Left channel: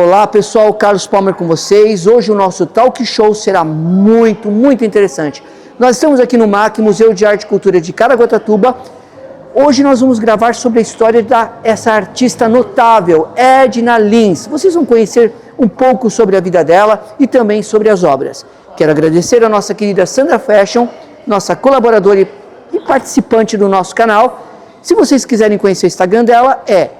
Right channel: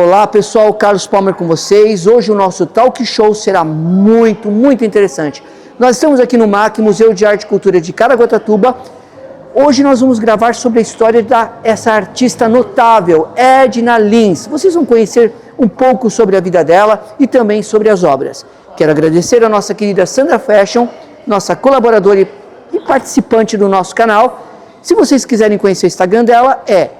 Olá pessoal, Carlos Palmer com vocês. Hoje o nosso talk show será muito interessante. Nós estamos aqui no MAC, Museu de Arte e Cultura de Caraguatatuba. Hoje nós vamos gravar sobre a história dessa artista notável, Edna Lins. Vocês vão conhecer um pouco sobre a vida dela e também sobre as obras. Quero agradecer a nossa querida Sandra Fashion, nossa colaboradora e participante do nosso canal. Se vocês quiserem conhecer o Instagram dela, é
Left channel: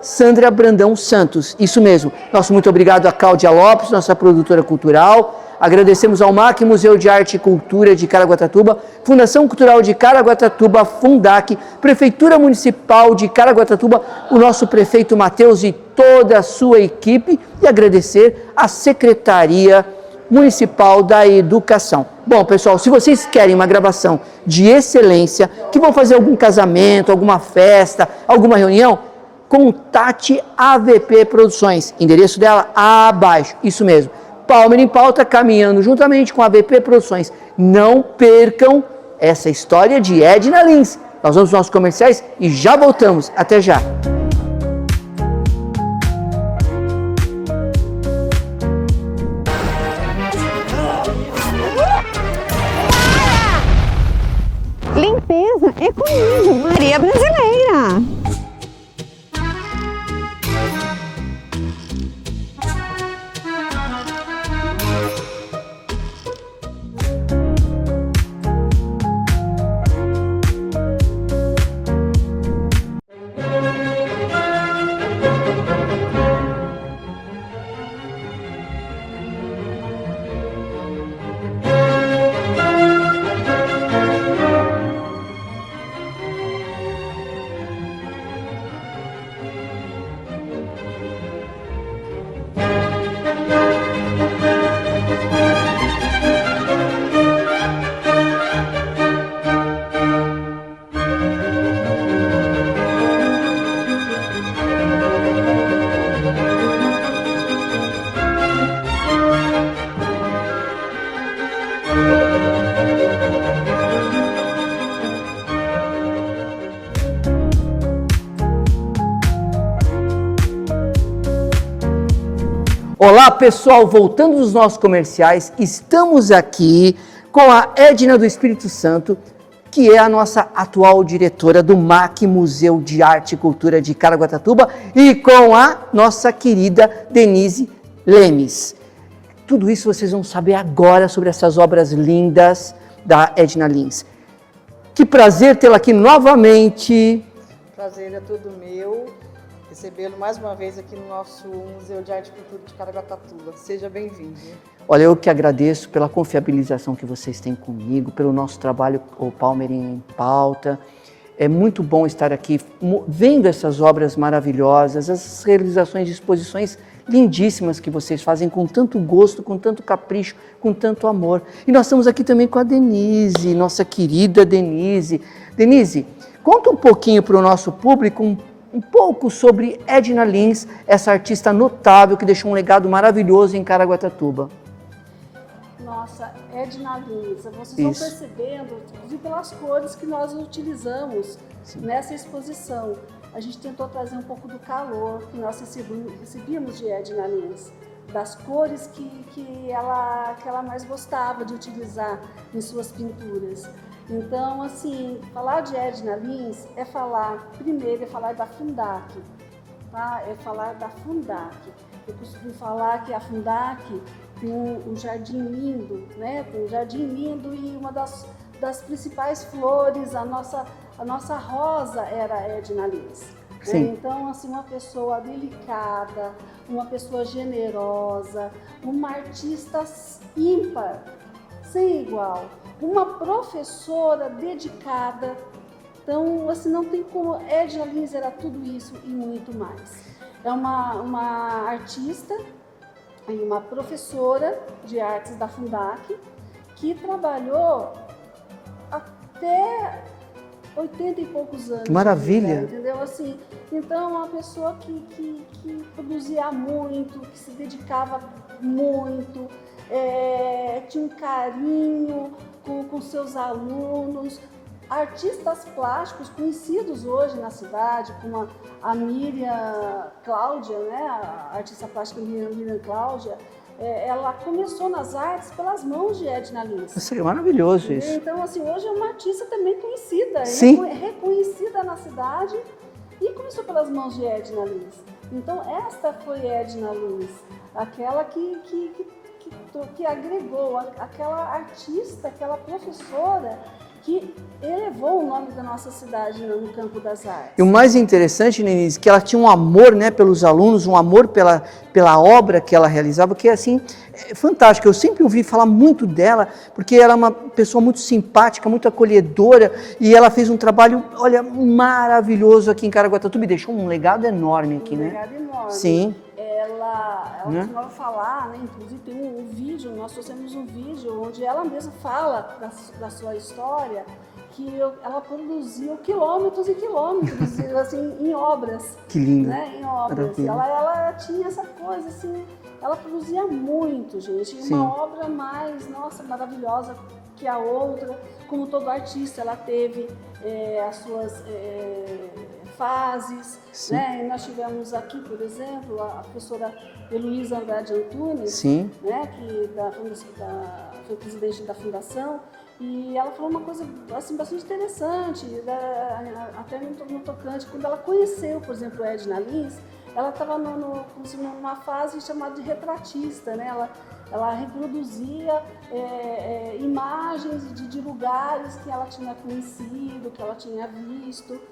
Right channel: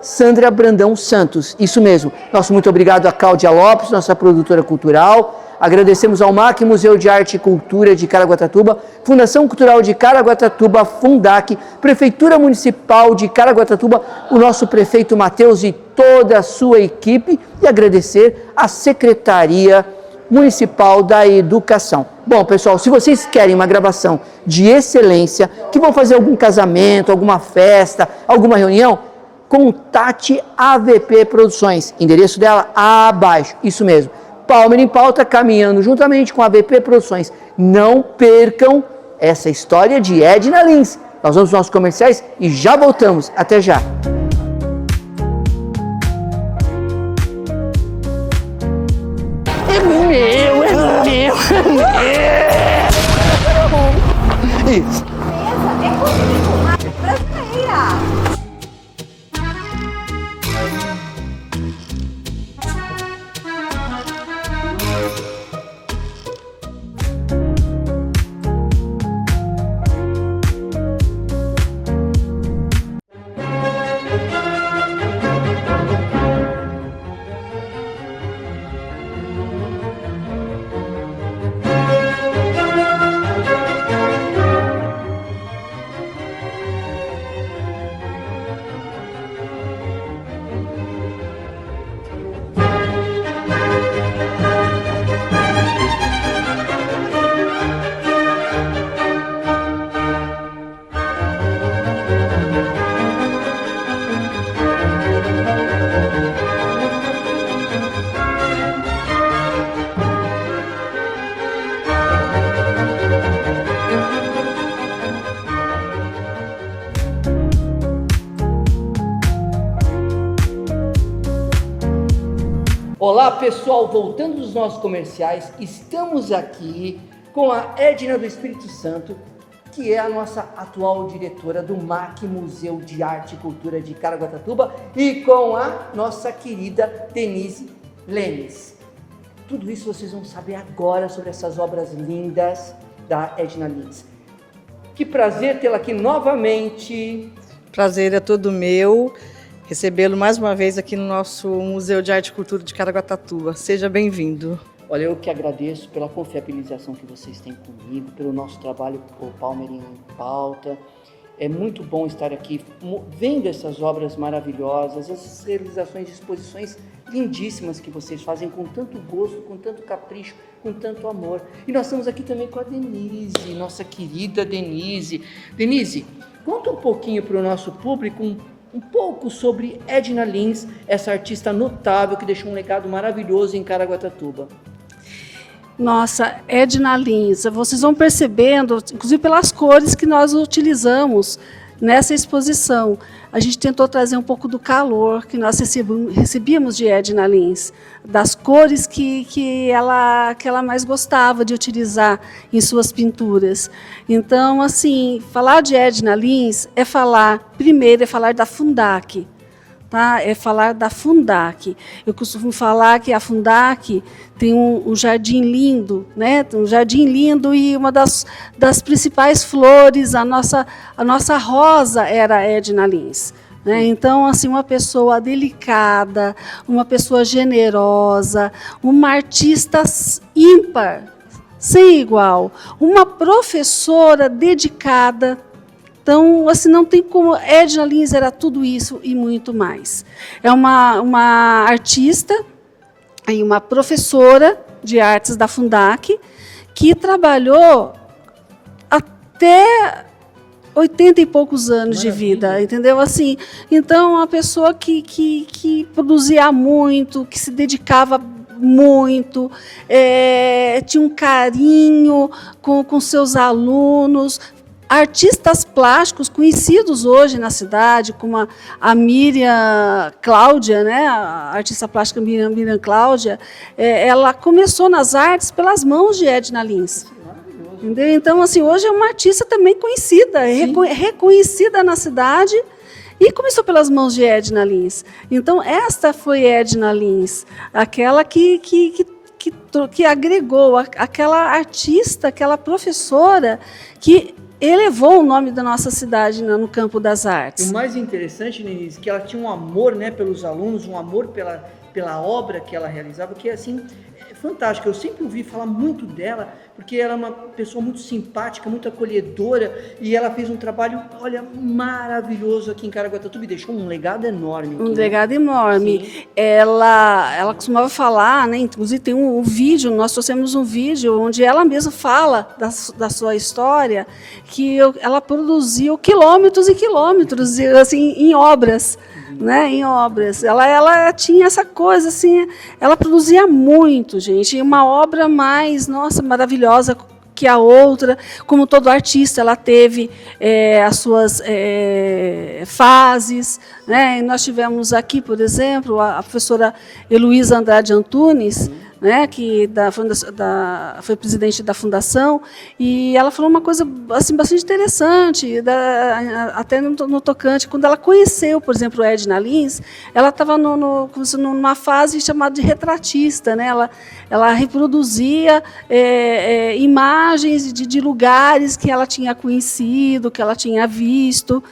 @Sandra Brandão Santos, isso mesmo. Nosso muito obrigado a Cláudia Lopes, nossa produtora cultural. Agradecemos ao MAC, Museu de Arte e Cultura de Caraguatatuba, Fundação Cultural de Caraguatatuba, Fundac, Prefeitura Municipal de Caraguatatuba, o nosso prefeito Matheus e toda a sua equipe, e agradecer à Secretaria Municipal da Educação. Bom, pessoal, se vocês querem uma gravação de excelência, que vão fazer algum casamento, alguma festa, alguma reunião, contate a AVP Produções, endereço dela abaixo, isso mesmo, Palmer em Pauta, caminhando juntamente com a AVP Produções. Não percam essa história de Edna Lins. Nós vamos aos nossos comerciais e já voltamos, até já. Limpeza é comigo, Maria Brasileira. Olá pessoal, voltando dos nossos comerciais, estamos aqui com a Edna do Espírito Santo, que é a nossa atual diretora do MAC, Museu de Arte e Cultura de Caraguatatuba, e com a nossa querida Denise Lemes. Tudo isso vocês vão saber agora sobre essas obras lindas da Edna Lins. Que prazer tê-la aqui novamente. Prazer é todo meu. Recebê-lo mais uma vez aqui no nosso Museu de Arte e Cultura de Caraguatatuba. Seja bem-vindo. Olha, eu que agradeço pela confiabilização que vocês têm comigo, pelo nosso trabalho com o Palmer em Pauta. É muito bom estar aqui vendo essas obras maravilhosas, essas realizações de exposições lindíssimas que vocês fazem com tanto gosto, com tanto capricho, com tanto amor. E nós estamos aqui também com a Denise, nossa querida Denise. Denise, conta um pouquinho para o nosso público um pouco sobre Edna Lins, essa artista notável que deixou um legado maravilhoso em Caraguatatuba. Nossa, Edna Lins, vocês vão percebendo, inclusive pelas cores que nós utilizamos nessa exposição. A gente tentou trazer um pouco do calor que nós recebíamos de Edna Lins, das cores que ela mais gostava de utilizar em suas pinturas. Então, assim, falar de Edna Lins primeiro é falar da Fundac, tá? É falar da Fundac. Eu costumo falar que a Fundac tem um jardim lindo, né? Um jardim lindo, e uma das principais flores, a nossa rosa era a Edna Lins. Né? Então, assim, uma pessoa delicada, uma pessoa generosa, uma artista ímpar, sem igual, uma professora dedicada. Então, assim, não tem como. Edna Lins era tudo isso e muito mais. É uma artista e uma professora de artes da Fundac que trabalhou até 80 e poucos anos de vida, entendeu? Assim, então, uma pessoa que produzia muito, que se dedicava muito, tinha um carinho com seus alunos, artistas plásticos conhecidos hoje na cidade, como a Miriam Cláudia, né? A artista plástica Miriam Cláudia, ela começou nas artes pelas mãos de Edna Lins. Isso é maravilhoso. Isso. Então, assim, hoje é uma artista também conhecida, reconhecida na cidade, e começou pelas mãos de Edna Lins. Então, esta foi Edna Lins, aquela que agregou, aquela artista, aquela professora que elevou o nome da nossa cidade no campo das artes. E o mais interessante, Denise, que ela tinha um amor, né, pelos alunos, um amor pela obra que ela realizava, que é assim, fantástica. Eu sempre ouvi falar muito dela, porque ela é uma pessoa muito simpática, muito acolhedora, e ela fez um trabalho, olha, maravilhoso aqui em Caraguatatuba e deixou um legado enorme aqui. Legado enorme. Sim. Ela costumava falar, né, inclusive tem um vídeo, nós trouxemos um vídeo onde ela mesma fala da sua história, que ela produziu quilômetros e quilômetros assim, em obras, né, em obras. Ela tinha essa coisa assim, ela produzia muito, gente, e uma obra mais, nossa, maravilhosa que a outra. Como todo artista, ela teve as suas fases, né? E nós tivemos aqui, por exemplo, a professora Heloísa Andrade Antunes, né? Que foi presidente da fundação, e ela falou uma coisa assim, bastante interessante, até no tocante, quando ela conheceu, por exemplo, a Edna Lins, ela estava numa fase chamada de retratista, né? Ela reproduzia imagens de lugares que ela tinha conhecido, que ela tinha visto.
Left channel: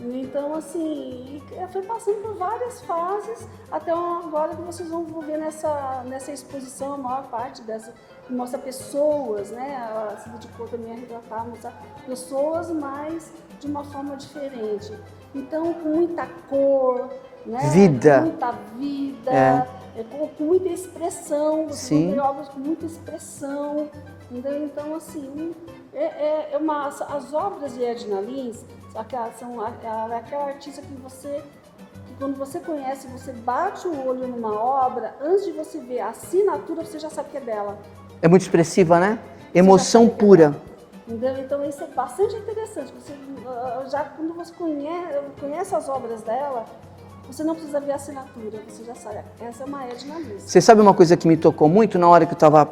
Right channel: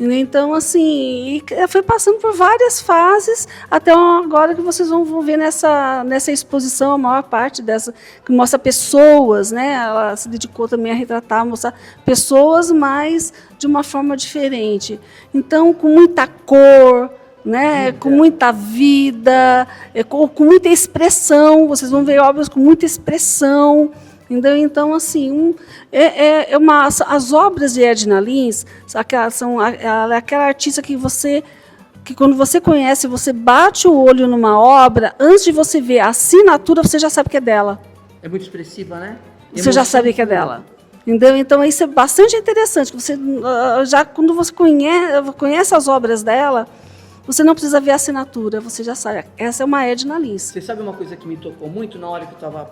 Então, assim, foi passando por várias fases, até agora que vocês vão ver nessa exposição, a maior parte dessa, que mostra pessoas, né? Ela se dedicou também a retratar, mostrar pessoas, mas de uma forma diferente. Então, com muita cor, né? Com muita vida, com muita expressão. Vocês vão ver obras com muita expressão. Então, assim, as obras de Edna Lins ela é aquela artista que quando você conhece, você bate o olho numa obra, antes de você ver a assinatura, você já sabe que é dela. É muito expressiva, né? Emoção, você já sabe que é dela. Então, isso é bastante interessante. Quando você conhece as obras dela, você não precisa ver a assinatura, você já sabe. Essa é uma Edna Lins. Você sabe uma coisa que me tocou muito na hora que eu estava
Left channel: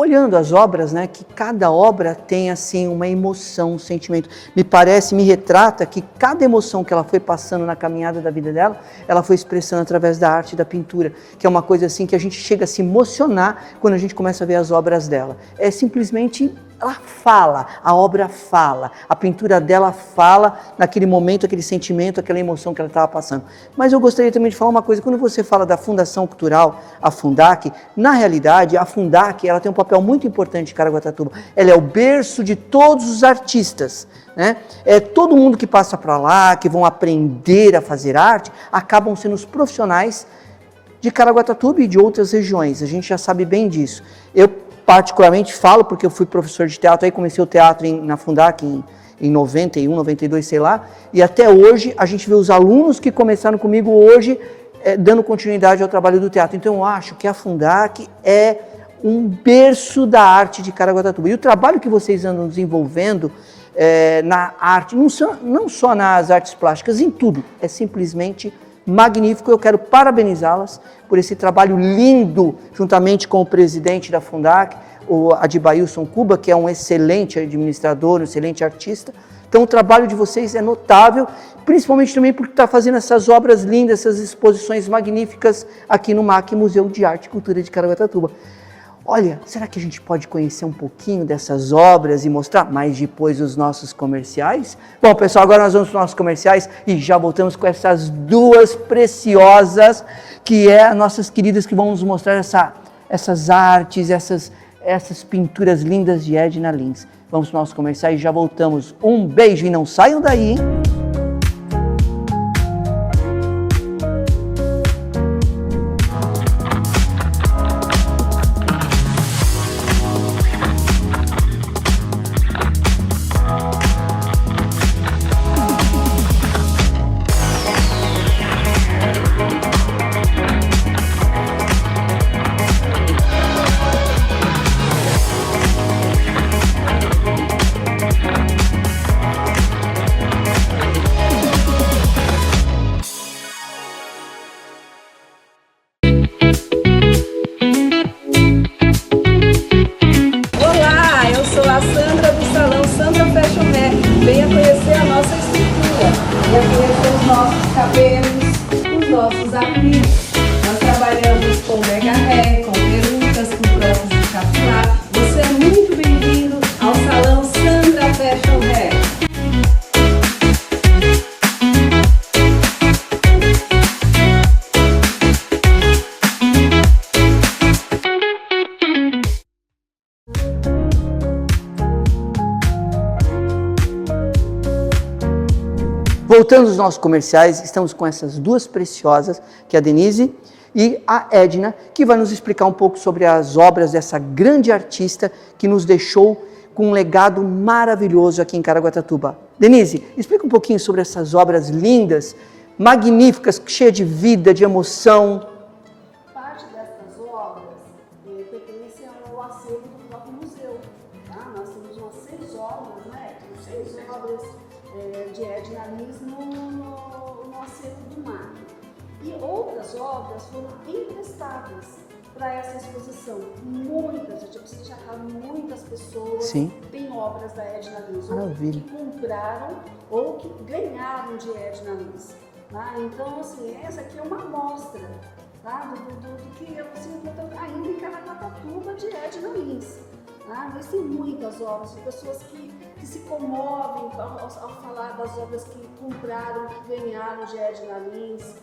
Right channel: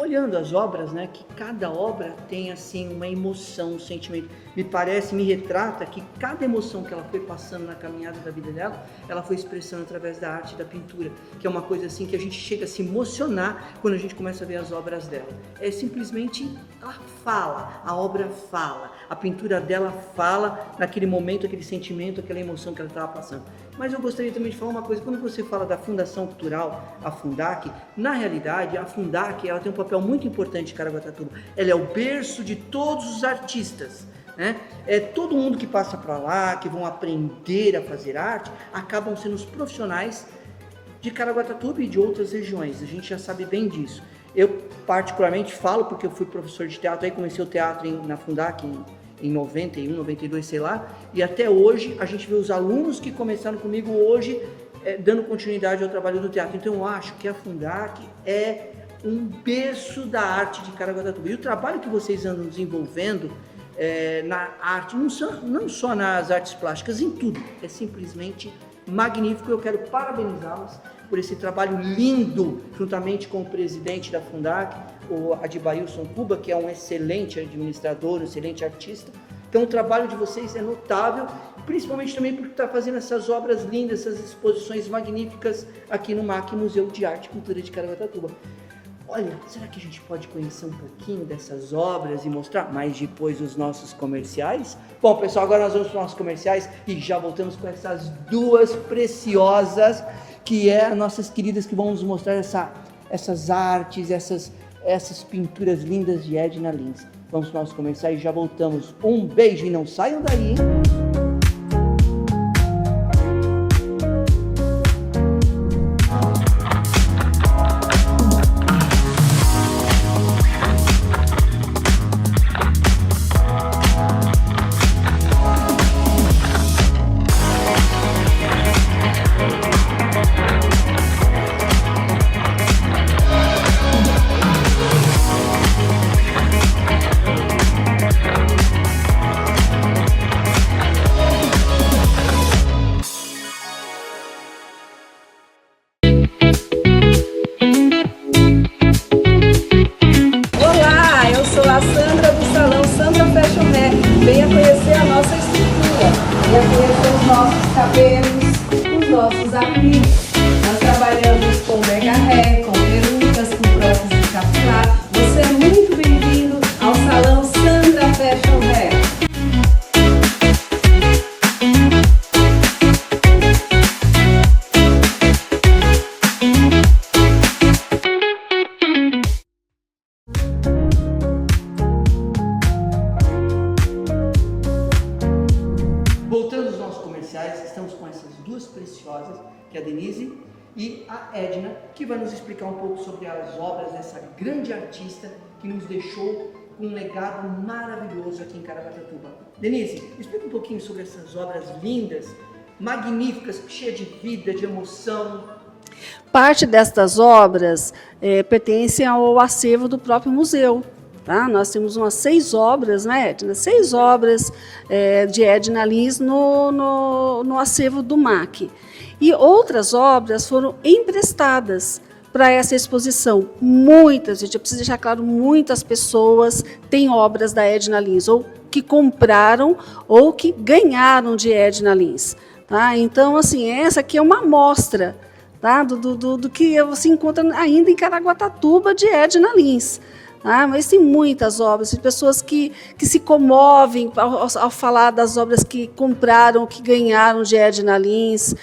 olhando as obras, né, que cada obra tem assim uma emoção, um sentimento. Me retrata que cada emoção que ela foi passando na caminhada da vida dela, ela foi expressando através da arte e da pintura, que é uma coisa assim que a gente chega a se emocionar quando a gente começa a ver as obras dela. É simplesmente, ela fala, a obra fala, a pintura dela fala naquele momento, aquele sentimento, aquela emoção que ela estava passando. Mas eu gostaria também de falar uma coisa, quando você fala da Fundação Cultural, a Fundac, na realidade, a Fundac, ela tem um papel muito importante em Caraguatatuba. Ela é o berço de todos os artistas, né? Todo mundo que passa para lá, que vão aprender a fazer arte, acabam sendo os profissionais de Caraguatatuba e de outras regiões. A gente já sabe bem disso. Eu particularmente falo porque eu fui professor de teatro, aí comecei o teatro na Fundac em 91, 92, sei lá, e até hoje a gente vê os alunos que começaram comigo hoje dando continuidade ao trabalho do teatro. Então eu acho que a Fundac é um berço da arte de Caraguatatuba. E o trabalho que vocês andam desenvolvendo na arte, não só nas artes plásticas, em tudo, é simplesmente magnífico. Eu quero parabenizá-las por esse trabalho lindo, juntamente com o presidente da Fundac, o Adibailson Cuba, que é um excelente administrador, um excelente artista. Então o trabalho de vocês é notável, principalmente também porque está fazendo essas obras lindas, essas exposições magníficas aqui no MAC, Museu de Arte e Cultura de Caraguatatuba. Olha, será que a gente pode conhecer um pouquinho dessas obras e mostrar mais depois os nossos comerciais? Bom, pessoal, agora nós vamos para os nossos comerciais e já voltamos com essas duas preciosas, que é as nossas queridas que vão nos mostrar essas artes, essas pinturas lindas de Edna Lins. Vamos para os nossos comerciais e já voltamos. Um beijo e não saiam daí! voltando os nossos comerciais, estamos com essas duas preciosas, que é a Denise e a Edna, que vai nos explicar um pouco sobre as obras dessa grande artista que nos deixou com um legado maravilhoso aqui em Caraguatatuba. Denise, explica um pouquinho sobre essas obras lindas, magníficas, cheias de vida, de emoção. Parte destas obras pertencem ao acervo do próprio museu. Tá? Nós temos umas 6 obras, né, Edna? 6 obras de Edna Lins no acervo do MAC. E outras obras foram emprestadas para essa exposição. Muitas, gente, eu preciso deixar claro, muitas pessoas Sim. têm obras da Edna Lins, ou que compraram ou que ganharam de Edna Lins. Tá? Então, assim, essa aqui é uma amostra, tá? do que você encontra ainda em Caraguatatuba de Edna Lins. Mas tem muitas obras, tem pessoas que se comovem ao falar das obras que compraram, que ganharam de Edna Lins.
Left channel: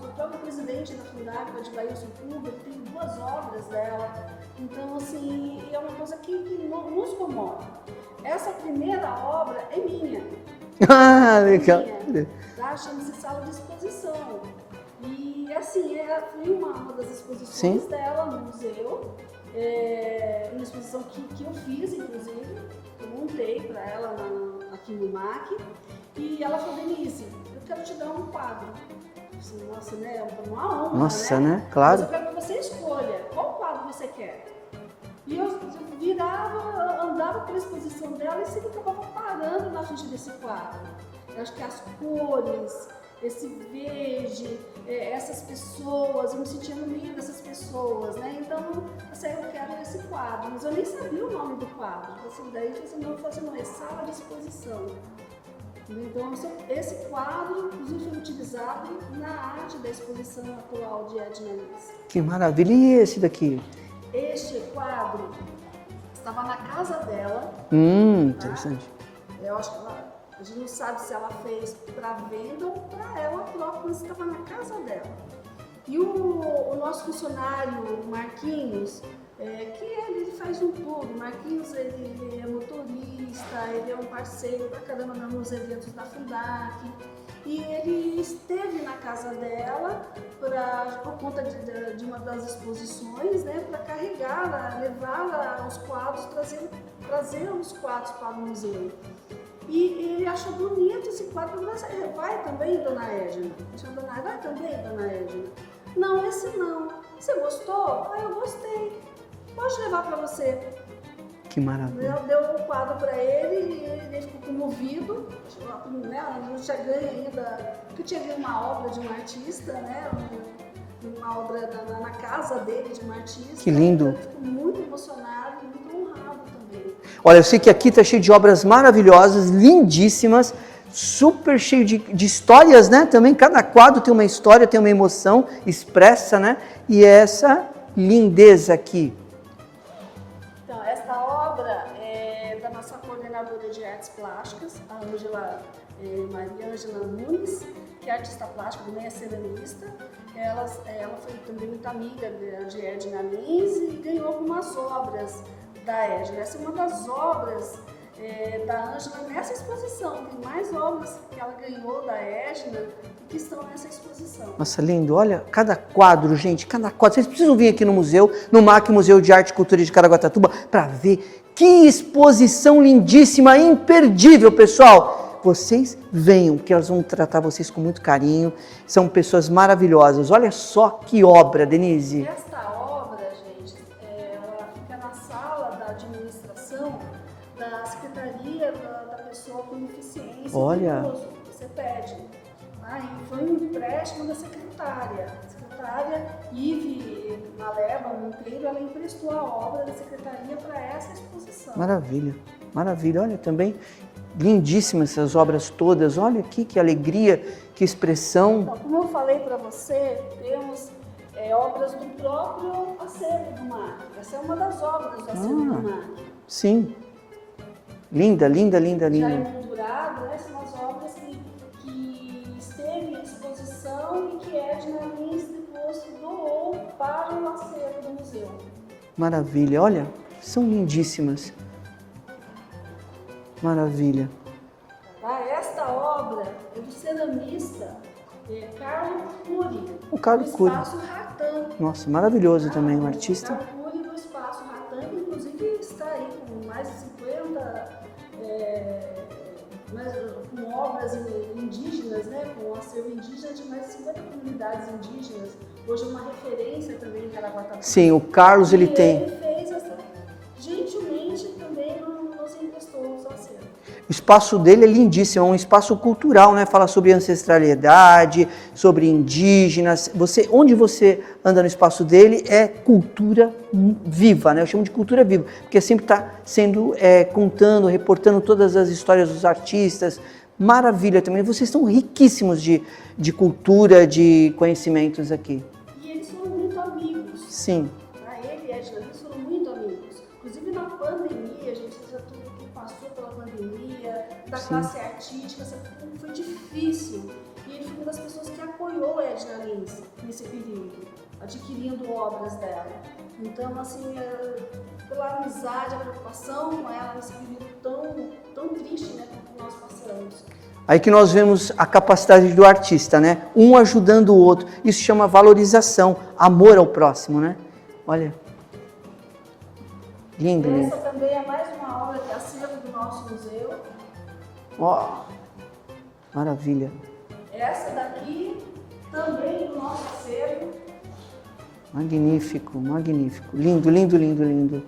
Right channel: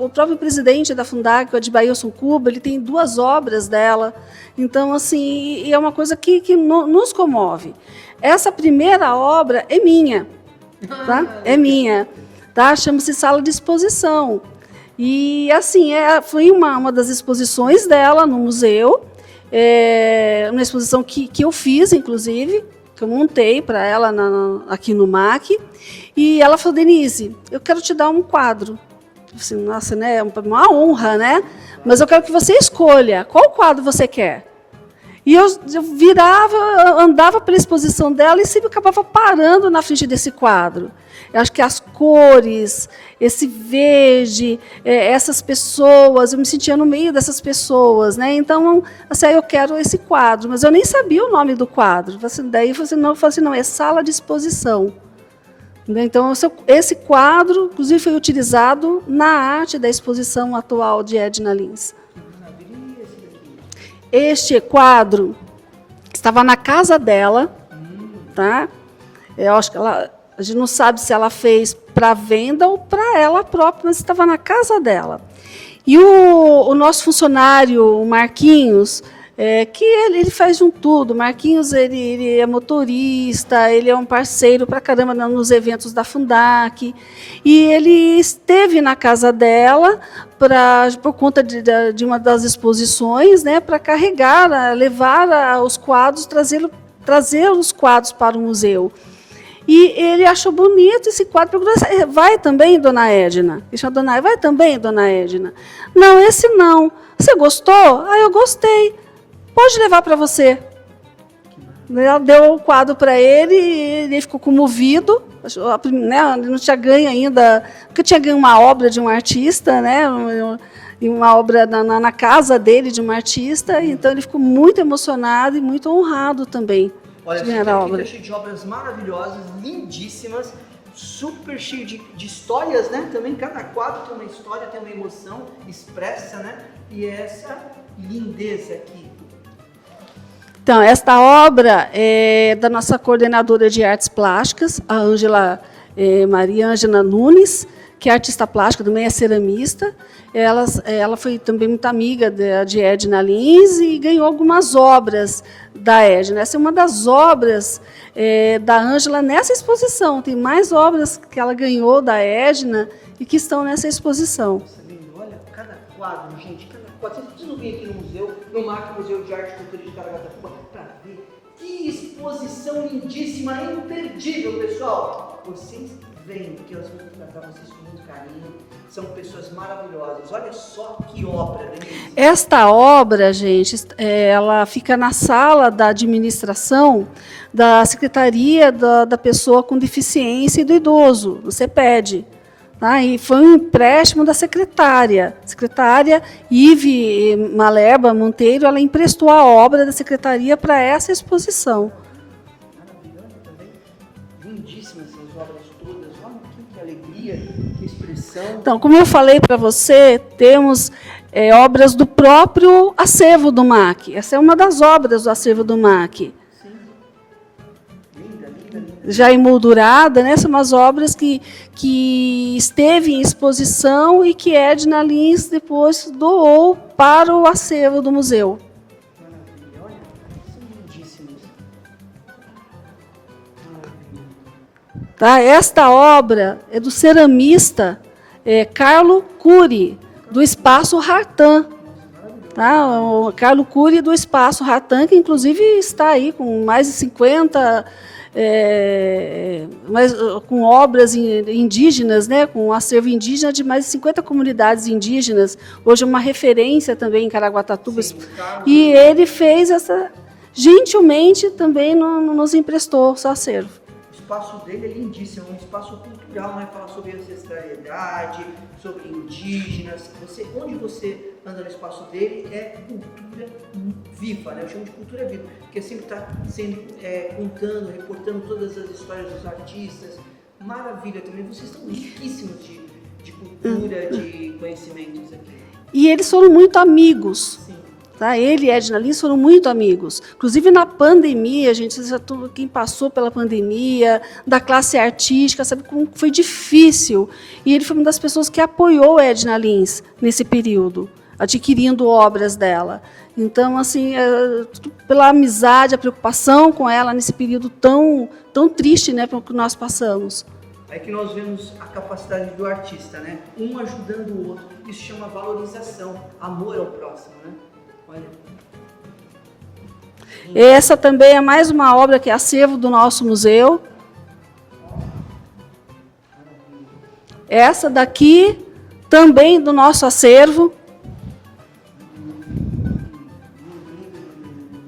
O próprio presidente da Fundac, o Adbailson Cuba, ele tem 2 obras dela. Então, assim, é uma coisa que nos comove. Essa primeira obra é minha. Tá? É minha. Tá? Chama-se Sala de Exposição. E, assim, foi uma das exposições Sim. dela no museu. Uma exposição que eu fiz, inclusive, que eu montei para ela aqui no MAC. E ela falou, Denise, eu quero te dar um quadro. Assim, nossa, né? É uma honra, nossa, né? Claro. Mas eu quero que você escolha qual quadro você quer. E eu virava, andava pela exposição dela e sempre acabava parando na frente desse quadro. Eu acho que as cores, esse verde, essas pessoas, eu me sentia no meio dessas pessoas, né? Então, assim, eu quero esse quadro, mas eu nem sabia o nome do quadro. Daí eu falei assim, não, é sala de exposição. Então, esse quadro, inclusive, foi utilizado na arte da exposição atual de Edna Lins. Que maravilha! E esse daqui? Este quadro estava na casa dela, tá? Eu acho que a gente não sabe se ela fez para venda ou para ela própria, mas estava na casa dela. E o nosso funcionário, o Marquinhos, que ele faz de um tudo. O Marquinhos, ele é motorista, ele é um parceiro para caramba nos eventos da Fundac. E ele esteve na casa dela por conta de uma das exposições, né, para carregar, levar os quadros, trazer os quadros para o museu. E ele achou bonito esse quadro. Perguntou, vai também, dona Edna? Vai também, dona Edna? Não, esse não. Você gostou? Eu gostei. Pode levar para você. Que maravilha. Ela deu o quadro para ele e ele ficou comovido. Né? Ele não tinha ganho ainda, porque tinha ganho uma obra de um artista, né? Uma obra na casa dele de um artista. Então ele ficou muito emocionado e muito honrado também. Olha, eu sei que aqui está cheio de obras maravilhosas, lindíssimas, super cheio de histórias, né? Também cada quadro tem uma história, tem uma emoção expressa, né? E essa lindeza aqui. Então, esta obra é da nossa coordenadora de artes plásticas, a Maria Ângela Nunes, que é artista plástica, também é ceramista. Ela foi também muito amiga de Edna Lins e ganhou algumas obras da Edna. Essa é uma das obras da Ângela nessa exposição. Tem mais obras que ela ganhou da Edna e que estão nessa exposição. Nossa, lindo. Olha, cada quadro, gente, cada quadro. Vocês precisam vir aqui no museu, no MAC, Museu de Arte e Cultura de Caraguatatuba, para ver que exposição lindíssima, imperdível, pessoal. Vocês venham, que elas vão tratar vocês com muito carinho. São pessoas maravilhosas. Olha só que obra, Denise. Esta obra, gente, ela fica na sala da administração da Secretaria da Pessoa com Deficiência e do Idoso, do CEPED. Tá? E foi um empréstimo da secretária. A secretária Ive Maleba Monteiro, ela emprestou a obra da secretaria para essa exposição. Maravilha, maravilha. Olha, também lindíssimas essas obras todas. Olha aqui que alegria, que expressão. Então, como eu falei para você, temos obras do próprio acervo do MAC. Essa é uma das obras do acervo do MAC. Sim. Linda, linda, linda. Já emoldurada, né? São umas obras que esteve em exposição e que Edna Lins depois doou para o acervo do museu. Maravilha, olha, são lindíssimas. Maravilha. Tá? Esta obra é do ceramista Carlo Cury, do Espaço Hartan. Nossa, maravilhoso. Tá? Também, O Carlo Cury do Espaço Hartan, que inclusive está aí com mais de 50, com obras indígenas, né? Com um acervo indígena de mais de 50 comunidades indígenas. Hoje é uma referência também em Caraguatatuba. Sim, o Carlos... E ele fez essa... Gentilmente também nos emprestou o seu acervo. O espaço dele é lindíssimo, é um espaço cultural, né? Fala sobre ancestralidade, sobre indígenas. Onde você anda no espaço dele é cultura viva, né? Eu chamo de cultura viva, porque sempre está sendo contando, reportando todas as histórias dos artistas. Maravilha também. Vocês estão riquíssimos de cultura, de conhecimentos aqui. E eles foram muito amigos. Sim. Tá? Ele e Edna Lins foram muito amigos. Inclusive na pandemia, quem passou pela pandemia, da classe artística, sabe como foi difícil. E ele foi uma das pessoas que apoiou Edna Lins nesse período, adquirindo obras dela. Então, assim, pela amizade, a preocupação com ela nesse período tão triste, né, pelo que nós passamos. Aí que nós vemos a capacidade do artista, né? Um ajudando o outro. Isso chama valorização, amor ao próximo, né? Olha. Lindo. Essa também é mais uma obra que é acervo do nosso museu. Maravilha. Essa daqui também do nosso acervo. Magnífico, magnífico. Lindo, lindo, lindo, lindo.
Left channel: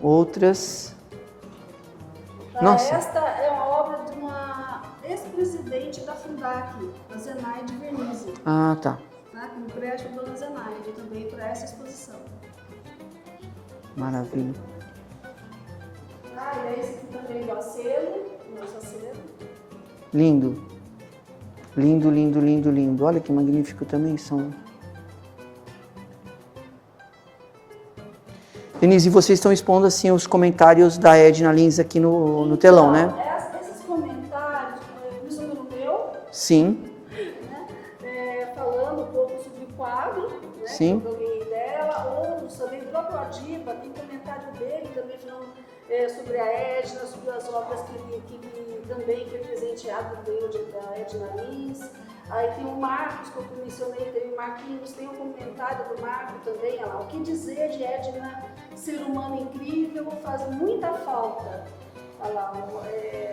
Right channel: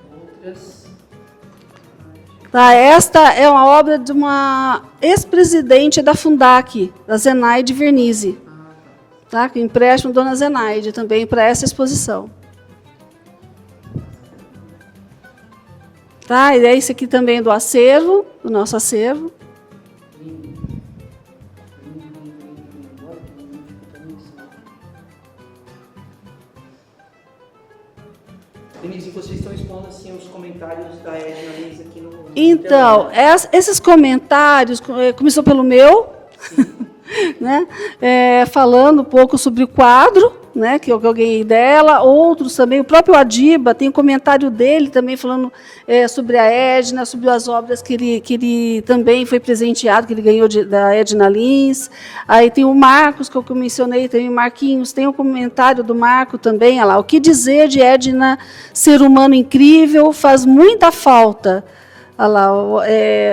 Outras. Tá, esta é uma obra de uma ex-presidente da Fundac, da Zenaide Vernizzi. Ah, tá. Tá? Que empréstimo Dona Zenaide também para essa exposição. Maravilha. Tá, e é esse aqui também do acervo, do nosso acervo. Lindo. Lindo, lindo, lindo, lindo. Olha que magnífico também são. Denise, vocês estão expondo assim os comentários da Edna Lins aqui no telão, né? Esses comentários começou pelo meu. Sim. Né? Falando um pouco sobre o quadro, né, que eu ganhei dela, outros também, o próprio Adiba tem um comentário dele também falando sobre a Edna, sobre as obras que ele também foi presenteado, que ele ganhou da Edna Lins. Aí tem o Marcos, que eu mencionei, tem o Marquinhos, tem um comentário do Marco também, olha lá, o que dizer de Edna, ser humano incrível, faz muita falta. Olha lá,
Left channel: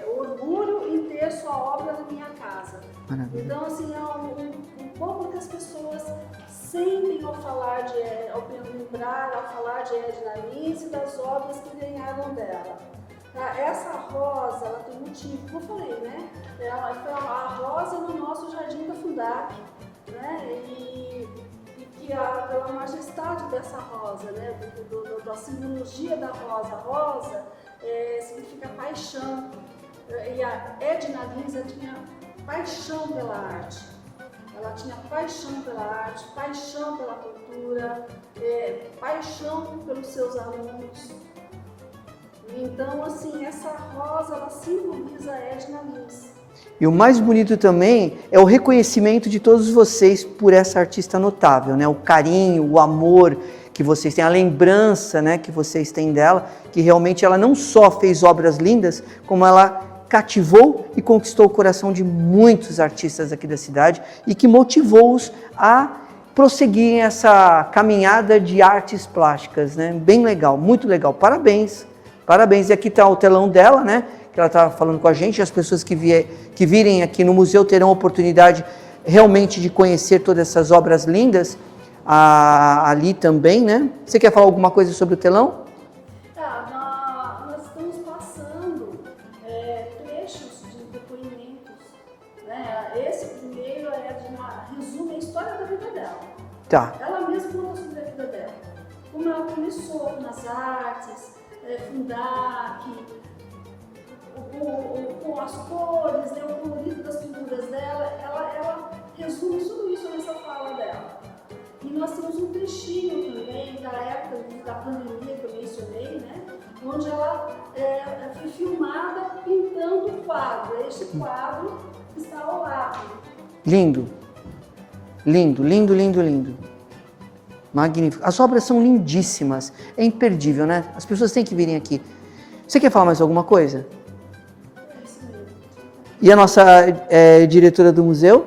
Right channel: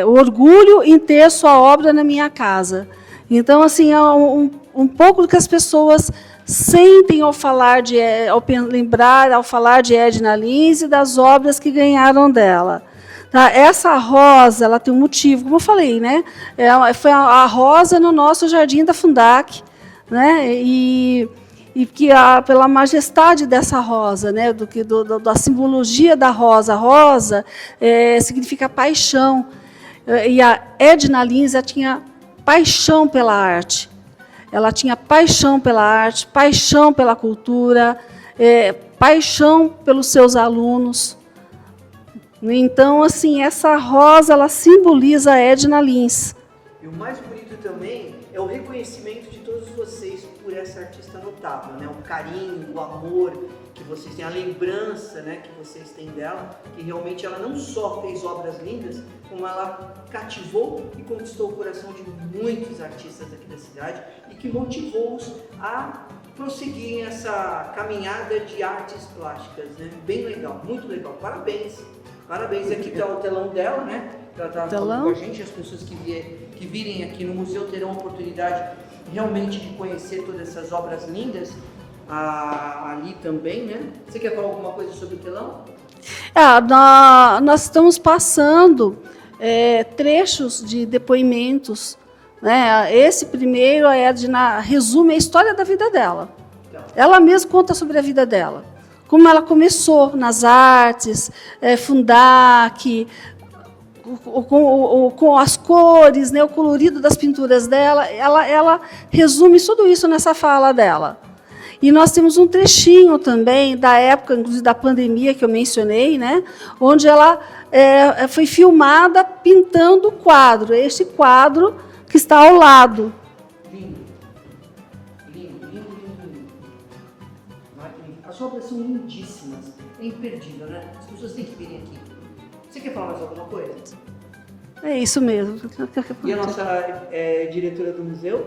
o orgulho em ter sua obra na minha casa. Então, assim, é um pouco do que as pessoas sentem ao falar ao falar de Edna Lins e das obras que ganharam dela. Tá? Essa rosa, ela tem um motivo, como eu falei, né? Foi a rosa no nosso jardim da Fundac, né? E que pela majestade dessa rosa, né? Da simbologia da rosa. A rosa significa paixão. E a Edna Lins tinha paixão pela arte. Ela tinha paixão pela arte, paixão pela cultura, paixão pelos seus alunos. Então, assim, essa rosa, ela simboliza a Edna Lins. E o mais bonito também é o reconhecimento de todos vocês por essa artista notável, né? O carinho, o amor que vocês têm, a lembrança, né, que vocês têm dela, que realmente ela não só fez obras lindas, como ela cativou e conquistou o coração de muitos artistas aqui da cidade e que motivou-os a prosseguirem essa caminhada de artes plásticas, né? Bem legal, muito legal. Parabéns, parabéns. E aqui está o telão dela, né? Que ela estava falando com a gente. As pessoas que virem aqui no museu terão a oportunidade realmente de conhecer todas essas obras lindas ali também, né? Você quer falar alguma coisa sobre o telão? Nós estamos passando trechos de depoimentos, né? Esse primeiro a Edna resume a história da vida dela. Tá. Ela mesma conta sobre a vida dela, como ela começou nas artes, Fundac, com as cores, né? O colorido das pinturas dela. Ela resume tudo isso nessa fala dela. E nós temos um trechinho também da época, inclusive da pandemia que eu mencionei, né? Onde ela foi filmada pintando o quadro, este quadro que está ao lado. Lindo, lindo, lindo, lindo, lindo. Magnífico. As obras são lindíssimas, é imperdível, né? As pessoas têm que virem aqui. Você quer falar mais alguma coisa? É isso mesmo. E a nossa diretora do museu?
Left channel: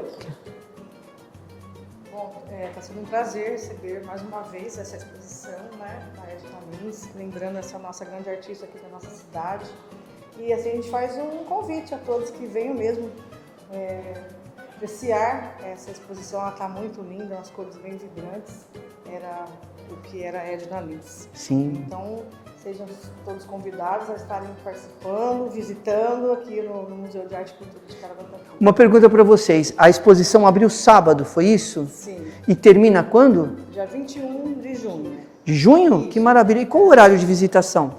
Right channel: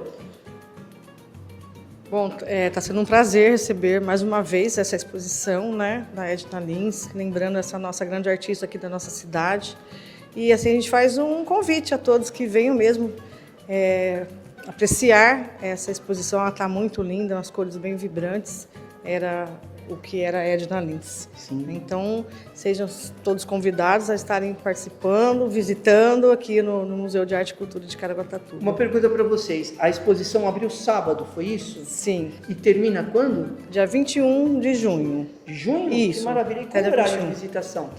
Bom, está sendo um prazer receber mais uma vez essa exposição, né, da Edna Lins, lembrando essa nossa grande artista aqui da nossa cidade. E assim a gente faz um convite a todos que venham mesmo apreciar essa exposição. Ela está muito linda, umas cores bem vibrantes. Era o que era a Edna Lins. Sim. Então, sejam todos convidados a estarem participando, visitando aqui no Museu de Arte e Cultura de Caraguatatuba. Uma pergunta para vocês. A exposição abriu sábado, foi isso? Sim. E termina quando? Dia 21 de junho. De junho? Isso. Que maravilha. E qual o horário de visitação?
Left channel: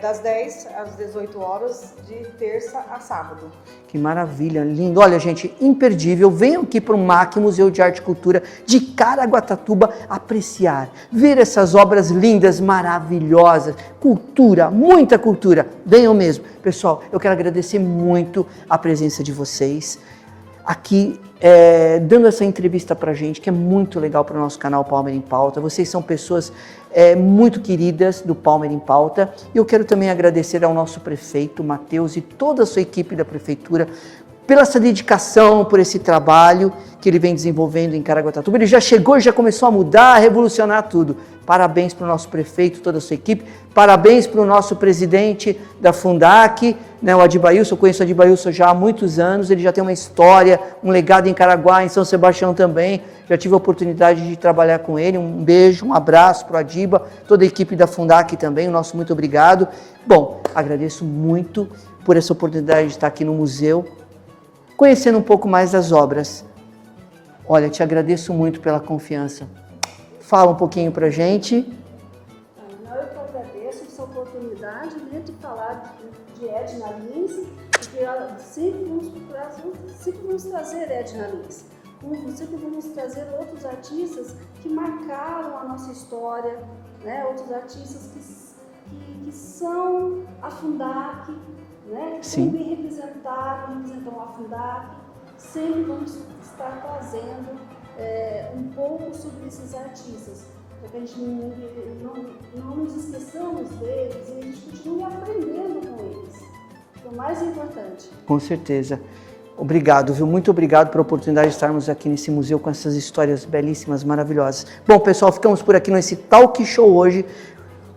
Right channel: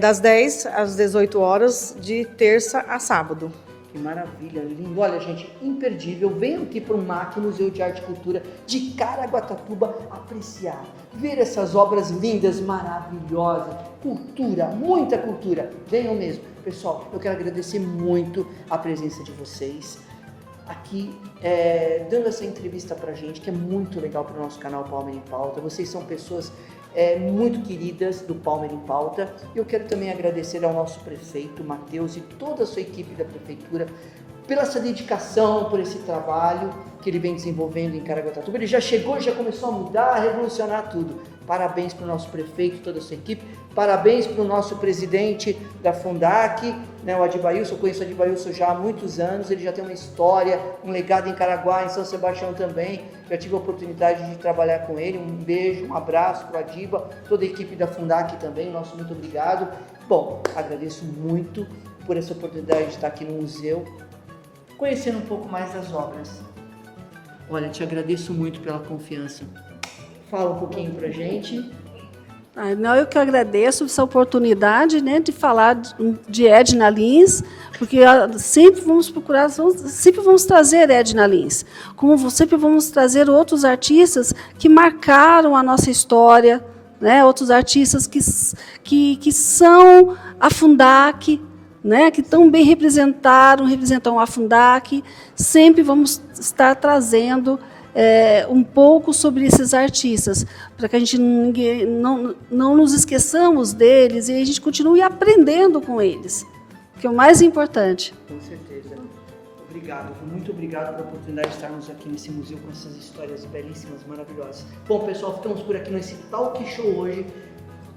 Das 10 às 18 horas, de terça a sábado. Que maravilha, lindo. Olha, gente, imperdível. Venham aqui para o MAC, Museu de Arte e Cultura de Caraguatatuba, apreciar, ver essas obras lindas, maravilhosas. Cultura, muita cultura. Venham mesmo. Pessoal, eu quero agradecer muito a presença de vocês aqui, dando essa entrevista para a gente, que é muito legal para o nosso canal Palmer em Pauta. Vocês são pessoas muito queridas do Palmer em Pauta. Eu quero também agradecer ao nosso prefeito, Matheus, e toda a sua equipe da prefeitura, pela essa dedicação, por esse trabalho que ele vem desenvolvendo em Caraguatatuba. Ele já chegou e já começou a mudar, a revolucionar tudo. Parabéns para o nosso prefeito, toda a sua equipe. Parabéns para o nosso presidente da Fundac, né, o Adibailson. Eu conheço o Adibailson já há muitos anos. Ele já tem uma história, um legado em Caraguá, em São Sebastião também. Já tive a oportunidade de trabalhar com ele. Um beijo, um abraço para o Adiba, toda a equipe da Fundac também. O nosso muito obrigado. Bom, agradeço muito por essa oportunidade de estar aqui no museu, conhecendo um pouco mais das obras. Olha, te agradeço muito pela confiança. Fala um pouquinho pra gente. Não, eu que agradeço essa oportunidade, né, de falar de Edna Lins, porque sempre vamos procurar, sempre vamos trazer Edna Lins, como sempre vamos trazer outros artistas que marcaram a nossa história, né, outros artistas que são a Fundac, né, que tão bem representam a Fundac. Sempre vamos estar trazendo um pouco sobre esses artistas, para que a gente não nos esqueçamos deles e a gente continue aprendendo com eles, que é o mais importante. Com certeza. Obrigado, viu? Muito obrigado pela oportunidade de estarmos aqui nesse museu com essas histórias belíssimas, maravilhosas. Bom, pessoal, ficamos por aqui nesse talk show hoje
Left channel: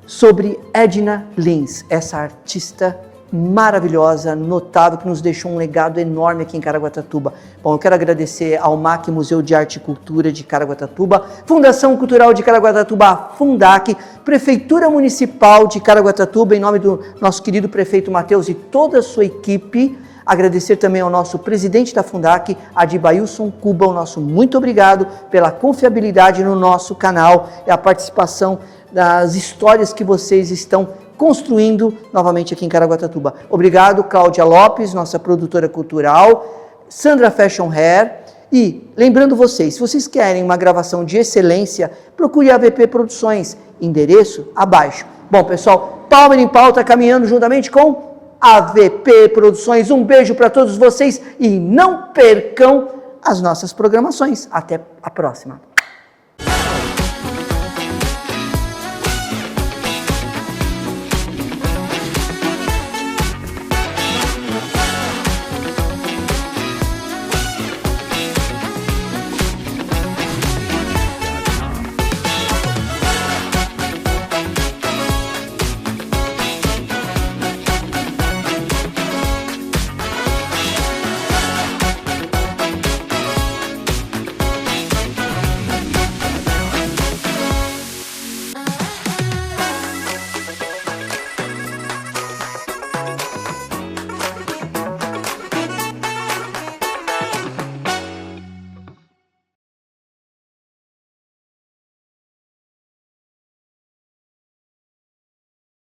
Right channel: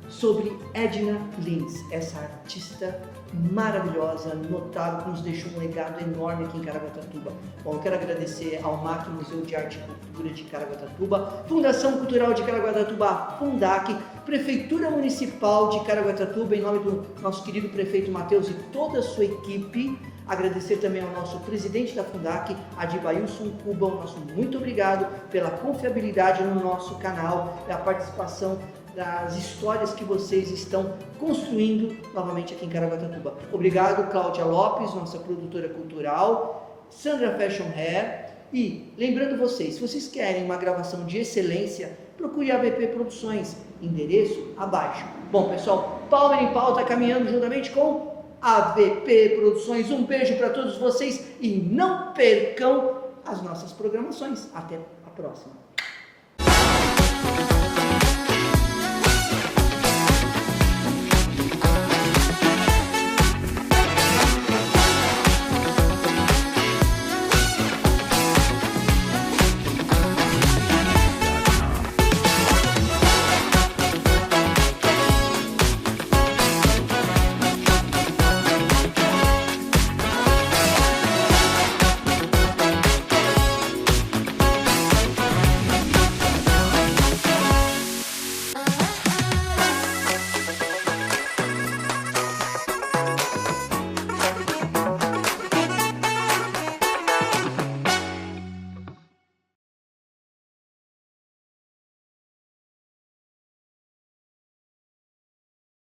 sobre Edna Lins, essa artista maravilhosa, notável, que nos deixou um legado enorme aqui em Caraguatatuba. Bom, eu quero agradecer ao MAC, Museu de Arte e Cultura de Caraguatatuba, Fundação Cultural de Caraguatatuba, Fundac, Prefeitura Municipal de Caraguatatuba, em nome do nosso querido prefeito Matheus e toda a sua equipe. Agradecer também ao nosso presidente da Fundac, Adibailson Cuba, o nosso muito obrigado pela confiabilidade no nosso canal e a participação das histórias que vocês estão construindo novamente aqui em Caraguatatuba. Obrigado, Cláudia Lopes, nossa produtora cultural, Sandra Fashion Hair. E lembrando vocês, se vocês querem uma gravação de excelência, procure a AVP Produções, endereço abaixo. Bom, pessoal, Palmer em Pauta caminhando juntamente com AVP Produções. Um beijo para todos vocês e não percam as nossas programações. Até a próxima.